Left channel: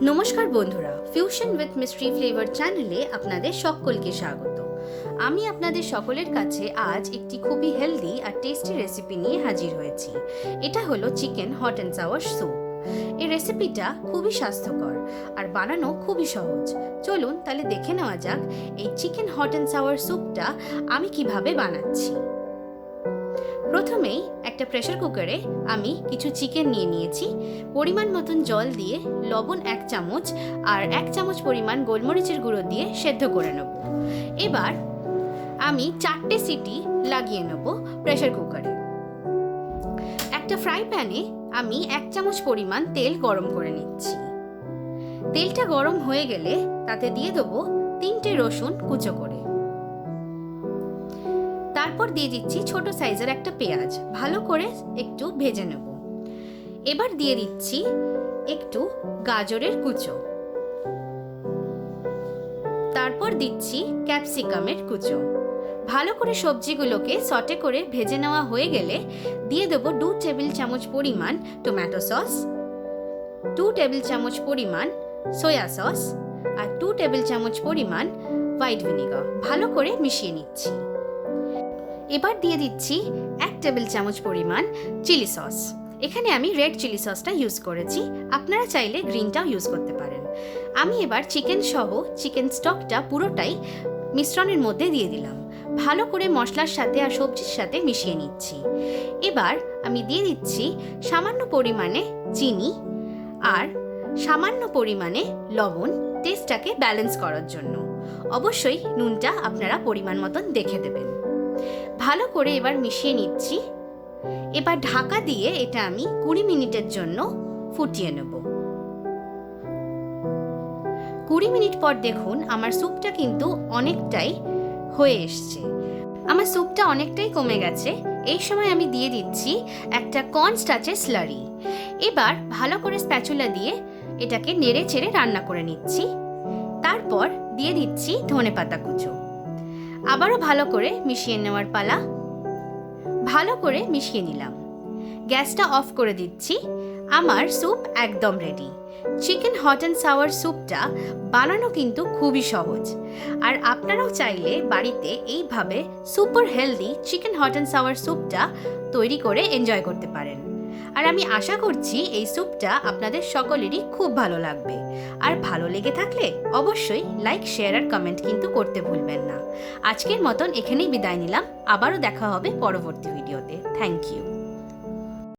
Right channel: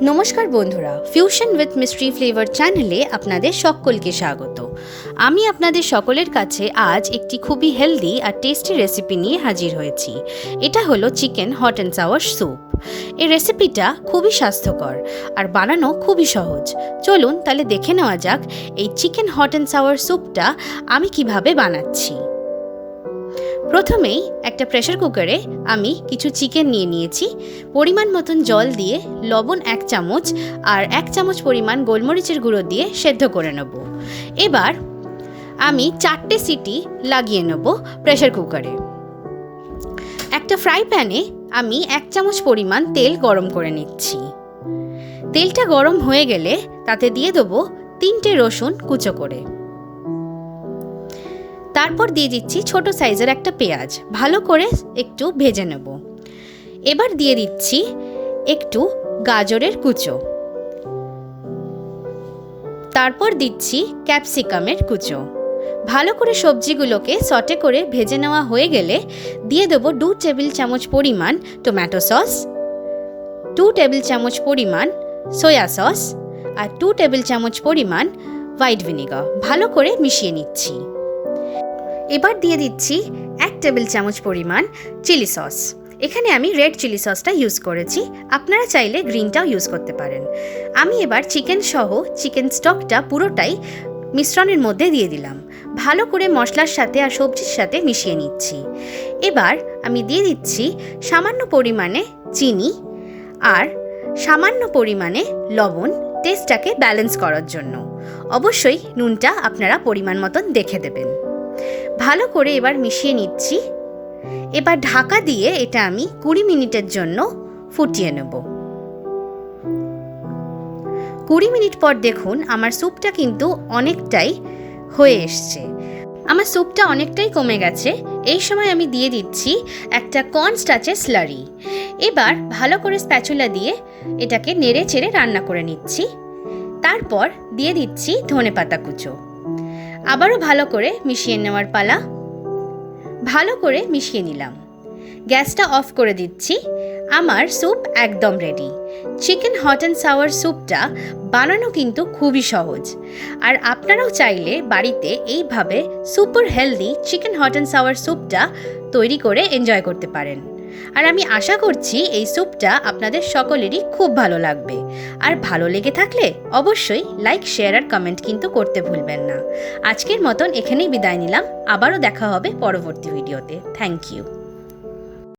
নমস্কার বন্ধুরা, fusion with mystery flavour চ্যানেলে আপনাদের সকলকে স্বাগত। আমি আপনাদের সকলের কাছে আজ একটি খুবই হেলদি আর টেস্টি রেসিপি নিয়ে হাজির হয়েছি। এটা হলো chicken hot and sour soup. এই রেসিপিটা খুবই স্বাস্থ্যকর আর বানানো খুবই সহজ। চলুন তাহলে দেখে নেওয়া যাক এই চিকেন হট অ্যান্ড সাওয়ার স্যুপটা আমি কিভাবে বানাচ্ছি। প্রথমেই একটা প্রেসার কুকারে আমি কিছু চিকেন নিয়ে নিয়েছি। পরিমাণ মতন জল দিয়ে লবণ 1 চামচ আর 1 চামচ পরিমাণ গোলমরিচের গুঁড়ো দিয়ে সেদ্ধ করে নেব। এবার আমি 4টে সিটি লাগিয়ে নেব প্রেসার কুকারে। একটা ফ্রাই প্যানে আমি 1 চামচ পরিমাণ তেল গরম করে নিচ্ছি। তেলটা গরম হয়ে গেলে তাতে দিয়ে দেবো 3টে রসুন কুচো করে। তারপর দিয়ে দিচ্ছি ছোট সাইজের একটা পেঁয়াজ, ভালো করে একটু ভেজে নেব। এবার দিয়ে দিচ্ছি একটু গাজরের কুচো, তারপর দিচ্ছি ক্যাপসিকামের কুচো। ভালো করে সবজিগুলোকে সটে করে ভেজে নেওয়া হয়ে গেলে দিয়ে দেবো 2 টেবিল চামচ পরিমাণ টমেটো সস, 2 টেবিল চামচ পরিমাণ সয়া সস আর 2 টেবিল চামচ পরিমাণ হোয়াইট ভিনেগার। ভালো করে মিশিয়ে নিচ্ছি। এবার দিয়ে দিচ্ছি 1 টেবিল চামচ পরিমাণ চিলি সস। এখানে আমি রেড চিলি সসটা ইউজ করেছি, আপনারা চাইলে গ্রিনটাও ইউজ করতে পারেন। আমি এবার চিকেন সহ চিকেন স্টকটা পুরোটাই মিশ্রণের মধ্যে দিয়ে দিলাম। ভালো করে মশলার সাথে আর সবজির সাথে মিশিয়ে নিচ্ছি। এবার আমি দিয়ে দিচ্ছি সামান্য পরিমাণে চিনি আর সামান্য পরিমাণে লবণ, টেস্টটাকে ব্যালেন্স করার জন্য। অবশ্যই নুনটা আপনারা পরিমাণ মতন দেখে দেবেন। ভালো করে এবার মিশিয়ে নিচ্ছি। এবার ঢাকা দিয়ে এটা আমি 20 মিনিটের জন্য ফুটিয়ে নেব। 20 মিনিট পর দেখুন আমার স্যুপটা কিন্তু অনেকটাই হয়ে এসছে। আমার স্যুপটা অনেকটাই কমে গেছে। এই সময় আমি দিয়ে দিচ্ছি একটা কর্ন স্টার্চের স্লারি। এবার ভালো করে স্প্যাচুলা দিয়ে এটাকে নেড়ে চেড়ে রান্না করে নিচ্ছি। তারপর দিয়ে দিচ্ছি ধনেপাতা কুচো। আবারও ভালো করে মিশিয়ে নেওয়ার পালা। ভালো করে মিশিয়ে নিলাম। গ্যাসটা অফ করে দিচ্ছি। আমার স্যুপ একদম ready. Chicken hot and sour স্যুপটা বানানো কিন্তু খুবই সহজ, আর আপনারাও চাইলে বাড়িতে এইভাবে super healthy chicken hot and sour স্যুপটা তৈরি করে এনজয় করতে পারেন। আর আমি আশা করছি এই স্যুপটা আপনাদের সকলেরই খুব ভালো লাগবে। আর ভালো লেগে থাকলে অবশ্যই লাইক, শেয়ার আর কমেন্ট কিন্তু করতে ভুলবেন না। আজকের মতন এখানেই বিদায় নিলাম। আবারও দেখা হবে পরবর্তী ভিডিওতে। Thank you.